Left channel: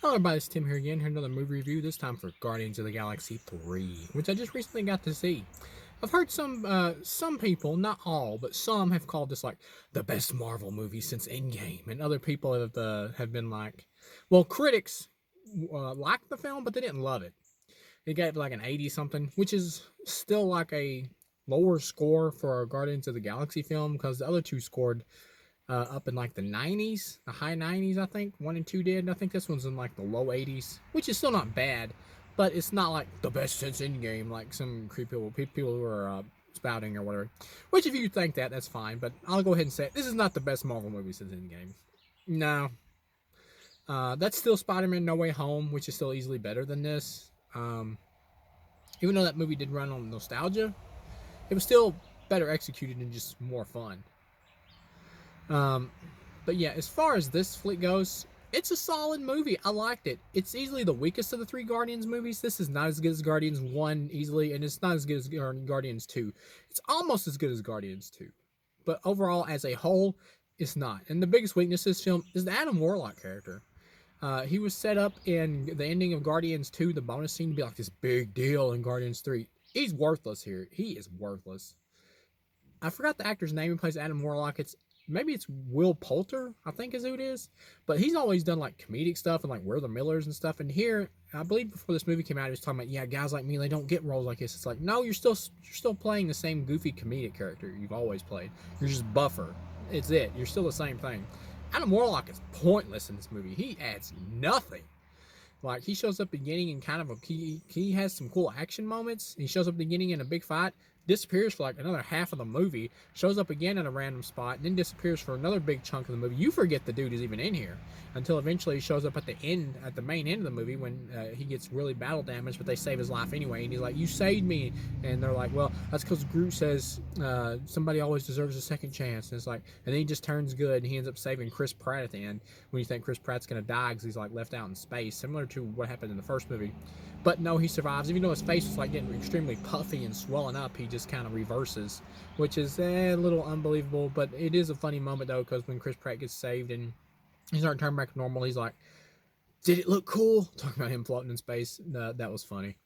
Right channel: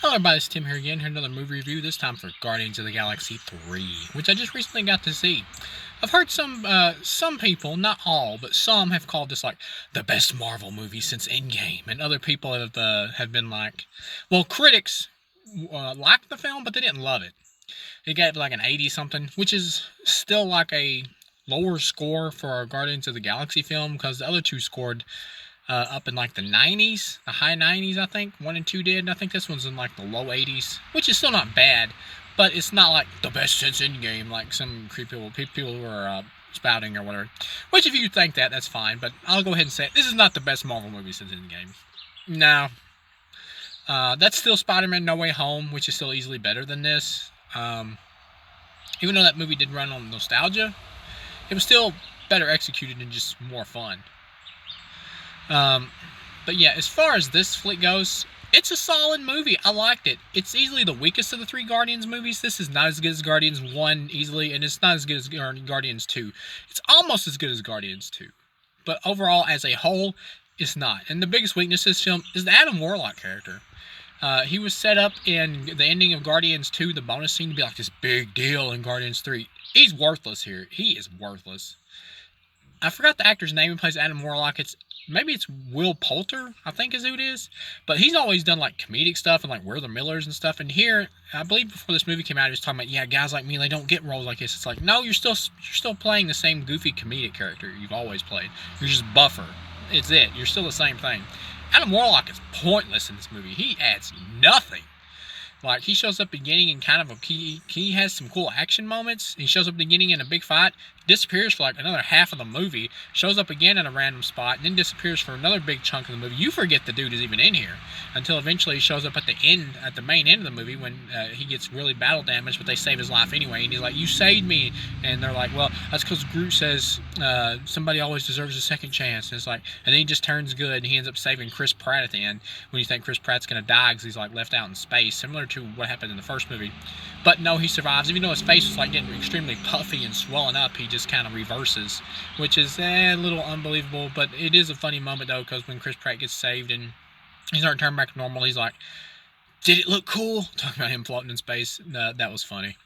Hello everybody, it's Tim here again, here another movie review, this time for Guardians of the Galaxy 3, which I just recently got to see. I've heard some people, not all, but some have called this like the best Marvel movie since Endgame, and other people have been like, well, critics liked the film, but they didn't love it. It got like an 80 something, which is still like a lower score for a Guardians of the Galaxy film because the other two scored up in like the 90s, the high 90s, I think. 1 and 2 did. And I think this one's in like the low 80s, which is still not bad, but it's not like the best since Endgame, like some people who are spouting or whatever. Which, if you think that, that's fine, but I'll go ahead and say it. This is not the best Marvel movie since Endgame. No. That's still Spider Man No Way Home, which is still easily better than this. Even though that movie did run on nostalgia, it was still better executed and just more fun. Um, but yeah, as far as this flick goes, it's a solid movie. I liked it. It's easily the weakest of the three Guardians movies. This is not as good as Guardians 1 easily, and it's not as good as Guardians 2. It's almost as good as Guardians 2. But overall, as a whole, it's not. And the biggest weakness of this film is the Adam Warlock character. He was set up in the ending of Guardians 2, the bonus scene, to be like this big deal in Guardians 3. He's worthless here. He is worthless. I forgot the actor's name who plays Adam Warlock. Maybe it's Will Poulter, I think is who it is. But he's always done like comedic stuff and like We're the Millers and stuff. And here, I believe before this movie came out, he was talking about, yeah, guys like me, they don't get roles like this. It's like, no, you're still playing the same goofy comedic character you've always played. You're just buffer. It's it. You're still the same thing. Adam Warlock is pointless in this movie. He adds nothing. Like, he shows up at the beginning and kind of he has some cool action moments. He shows up at the beginning in a big fight, disappears for like another half of the movie, shows up again in a random spot, and then disappears for another big chunk of the movie. You forget the dude is even in here until eventually he shows up at the end, at the main end of the movie when he gets really battle damaged, but they save his life anyway. And he's like, "You saved me," and they're like, "Well, that's because Groot says somebody always deserves a second chance." And it's like, and then he just turns good, and he ends up saving Chris Pratt at the end when you think Chris Pratt's gonna die because he's like left out in space, similar to what happened in the first movie. But no, he survives. Even though his face was like getting extremely puffy and swelling up, he just kind of reverses, which is a little unbelievable. But it is a funny moment though, because when Chris Pratt gets saved and he's starting to turn back to normal, he's like, "Did it look cool?" Talking about him floating in space. That was funny.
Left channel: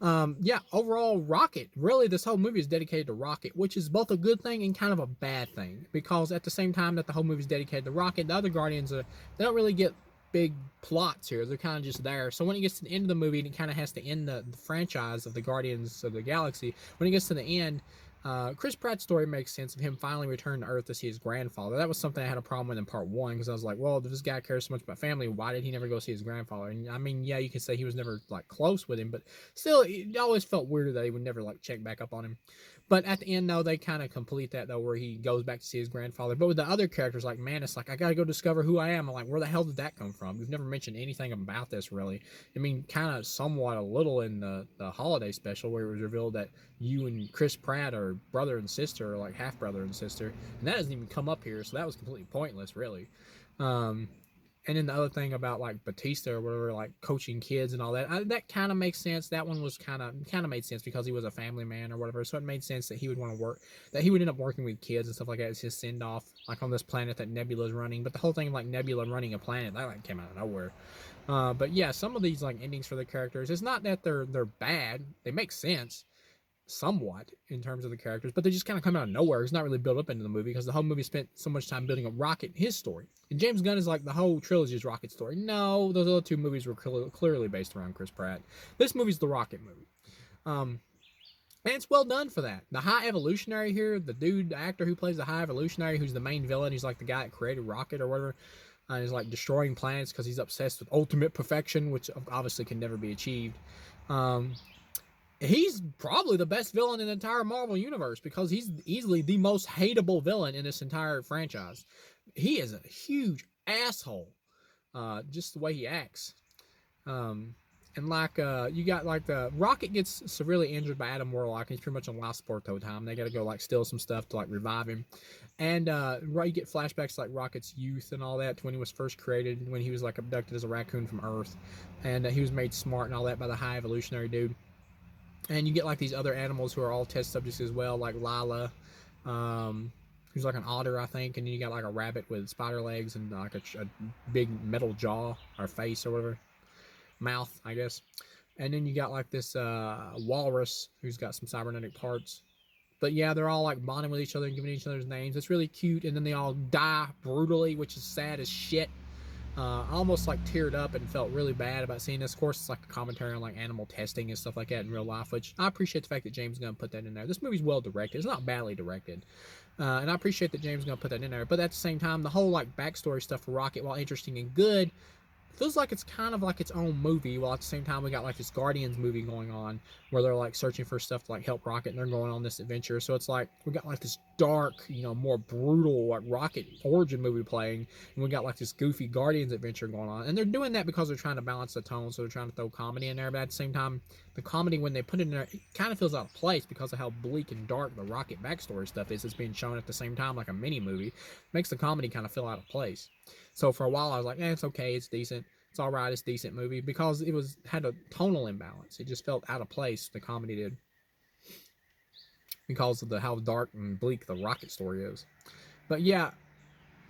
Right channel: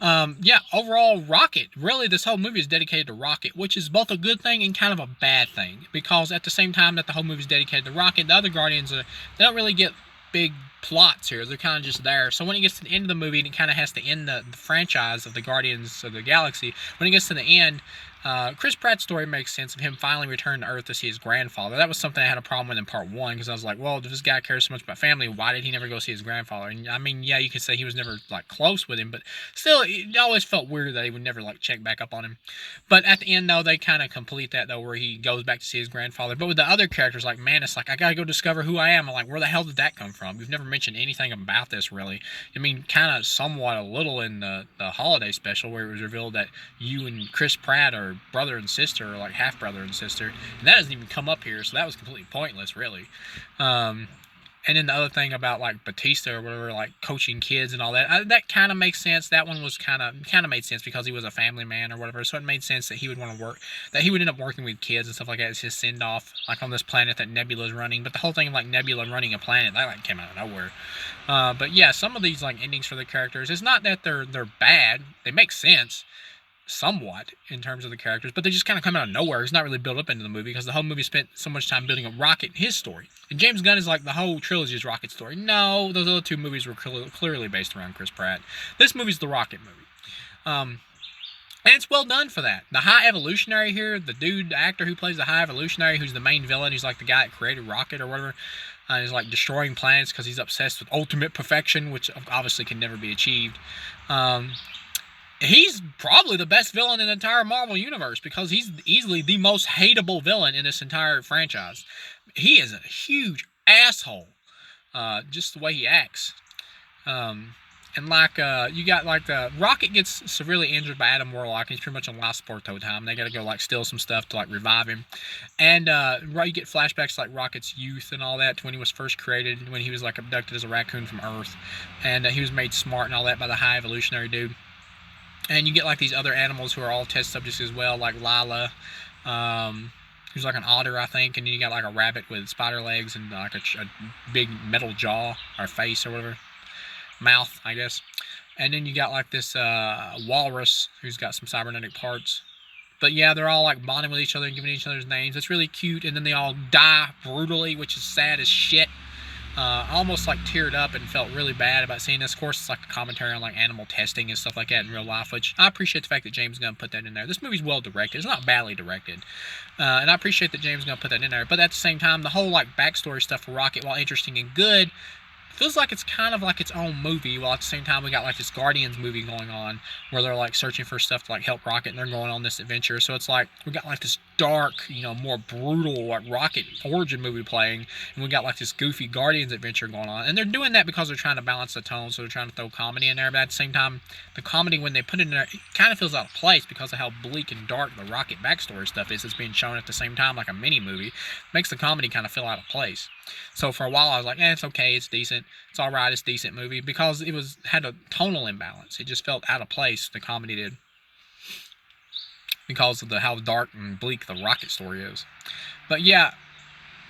Yeah, overall, Rocket. Really, this whole movie is dedicated to Rocket, which is both a good thing and kind of a bad thing. Because at the same time that the whole movie is dedicated to Rocket, the other Guardians, they don't really get big plots here. They're kind of just there. So when it gets to the end of the movie, and it kind of has to end the franchise of the Guardians of the Galaxy, when it gets to the end, Chris Pratt's story makes sense of him finally returning to Earth to see his grandfather. That was something I had a problem with in part one because I was like, well, if this guy cares so much about family, why did he never go see his grandfather? And I mean, yeah, you could say he was never like close with him, but still, it always felt weird that he would never like check back up on him. But at the end, though, they kind of complete that though, where he goes back to see his grandfather. But with the other characters, like Mantis, like I gotta go discover who I am. I'm like, where the hell did that come from? We've never mentioned anything about this really. I mean, kind of somewhat a little in the holiday special where it was revealed that you and Chris Pratt are brother and sister, or like half brother and sister, and that doesn't even come up here, so that was completely pointless, really. Um, and then the other thing about like Batista or whatever, like coaching kids and all that, that kind of makes sense. That one was kind of made sense because he was a family man or whatever, so it made sense that he would want to work, that he would end up working with kids and stuff like that. It's his send off, like on this planet that Nebula's running. But the whole thing of like Nebula running a planet, that like came out of nowhere. But yeah, some of these like endings for the characters, it's not that they're bad. They make sense somewhat in terms of the characters, but they just kind of come out of nowhere. It's not really built up into the movie because the whole movie spent so much time building up Rocket, his story. And James Gunn is like, the whole trilogy is Rocket's story. No, those other two movies were clearly based around Chris Pratt. This movie's the Rocket movie. And it's well done for that. The High Evolutionary here, the actor who plays the High Evolutionary, who's the main villain, he's like the guy that created Rocket or whatever, he's like destroying planets because he's obsessed with ultimate perfection, which obviously can never be achieved. He's probably the best villain in the entire Marvel universe because he's easily the most hateable villain in this entire franchise. He is a huge asshole, just the way he acts. And like you got like the Rocket gets severely injured by Adam Warlock, and he's pretty much on life support the whole time. They got to go like steal some stuff to like revive him, and you get flashbacks to, like Rocket's youth and all that to when he was first created, when he was like abducted as a raccoon from Earth, and he was made smart and all that by the High Evolutionary dude. And you get like these other animals who are all test subjects as well, like Lila, who's like an otter, I think, and then you got like a rabbit with spider legs and like a big metal jaw or face or whatever. mouth, I guess. And then you got like this walrus who's got some cybernetic parts. But yeah, they're all like bonding with each other and giving each other's names. It's really cute. And then they all die brutally, which is sad as shit. I almost like teared up and felt really bad about seeing this. Of course, it's like a commentary on like animal testing and stuff like that in real life, which I appreciate the fact that James Gunn put that in there. This movie's well directed. It's not badly directed. And I appreciate that James Gunn put that in there. But at the same time, the whole like backstory stuff for Rocket, while interesting and good, feels like it's kind of like its own movie, while at the same time we got like this Guardians movie going on where they're like searching for stuff to like help Rocket and they're going on this adventure. So it's like we got like this dark, more brutal like Rocket origin movie playing, and we got like this goofy Guardians adventure going on. And they're doing that because they're trying to balance the tone, so they're trying to throw comedy in there, but at the same time the comedy, when they put it in there, it kind of feels out of place because of how bleak and dark the Rocket backstory stuff is. It's being shown at the same time like a mini movie. Makes the comedy kind of feel out of place. So for a while I was like, it's okay, it's decent, it's all right, it's a decent movie, because it had a tonal imbalance. It just felt out of place, the comedy did, because of how dark and bleak the Rocket story is. But yeah,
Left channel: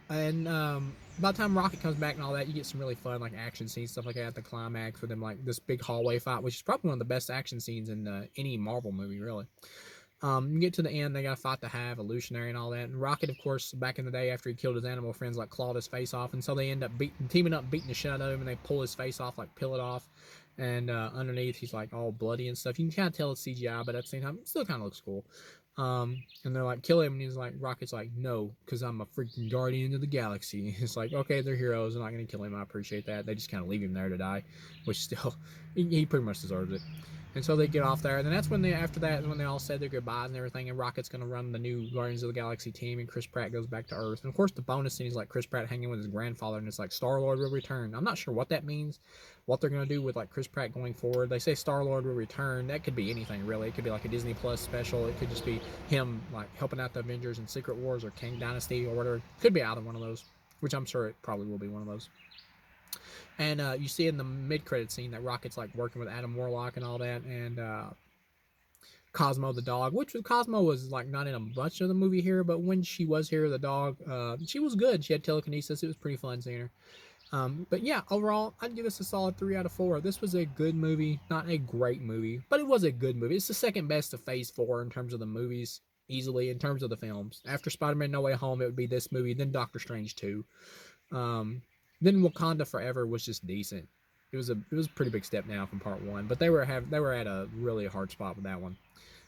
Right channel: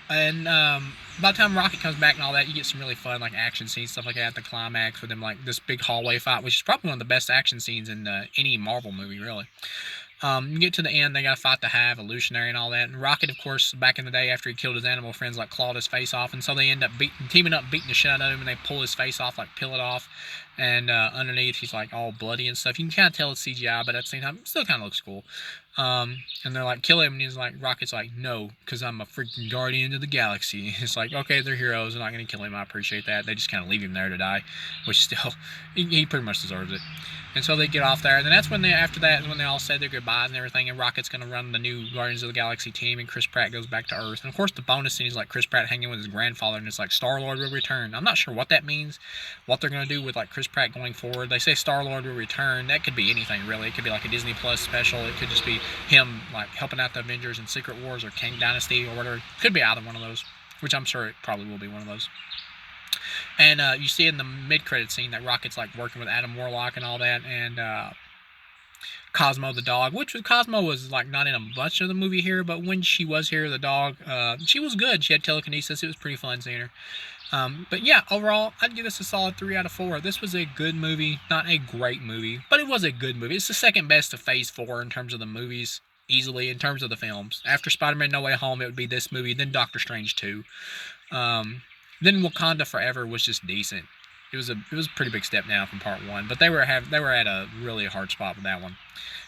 and by the time Rocket comes back and all that, you get some really fun like action scenes, stuff like that at the climax with them, like this big hallway fight, which is probably one of the best action scenes in any Marvel movie, really. You get to the end, they got to fight the Hive, Illusionary, and all that. And Rocket, of course, back in the day after he killed his animal friends, like clawed his face off. And so they end up teaming up, beating the shit out of him, and they pull his face off, like peel it off. And underneath, he's like all bloody and stuff. You can kind of tell it's CGI, but at the same time, it still kind of looks cool. And they're like, kill him. And he's like, Rocket's like, no, because I'm a freaking guardian of the galaxy. It's like, okay, they're heroes. They're not going to kill him. I appreciate that. They just kind of leave him there to die, which still, he pretty much deserves it. And so they get off there, and then that's when after that is when they all said their goodbyes and everything, and Rocket's going to run the new Guardians of the Galaxy team, and Chris Pratt goes back to Earth. And of course the bonus scene is like Chris Pratt hanging with his grandfather, and it's like Star-Lord will return. I'm not sure what that means, what they're going to do with like Chris Pratt going forward. They say Star-Lord will return. That could be anything, really. It could be like a Disney Plus special. It could just be him like helping out the Avengers in Secret Wars or Kang Dynasty or whatever. Could be either one of those, which I'm sure it probably will be one of those. And you see in the mid-credit scene that Rocket's like working with Adam Warlock and all that, and Cosmo the dog, which Cosmo was like not in a bunch of the movie here, but when she was here, the dog, she was good. She had telekinesis. It was pretty fun seeing her. But yeah, overall, I'd give this a solid 3 out of 4. This was a good movie, not a great movie, but it was a good movie. It's the second best of Phase 4 in terms of the movies, easily, in terms of the films. After Spider-Man No Way Home, it would be this movie, then Doctor Strange 2. Then Wakanda Forever was just decent. It was a pretty big step down from Part 1, but they were at a really hard spot with that one.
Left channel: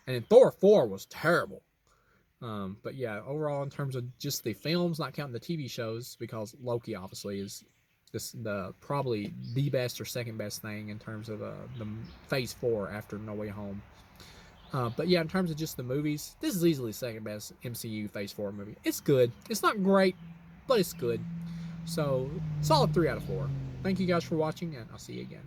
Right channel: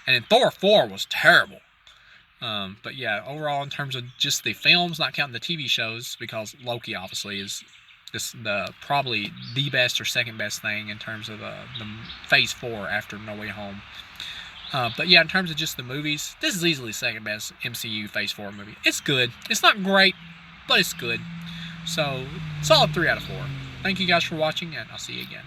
And then Thor 4 was terrible. But yeah, overall in terms of just the films, not counting the TV shows, because Loki obviously is probably the best or second best thing in terms of the Phase 4 after No Way Home. But yeah, in terms of just the movies, this is easily the second best MCU Phase 4 movie. It's good. It's not great, but it's good. So, solid 3 out of 4. Thank you guys for watching, and I'll see you again.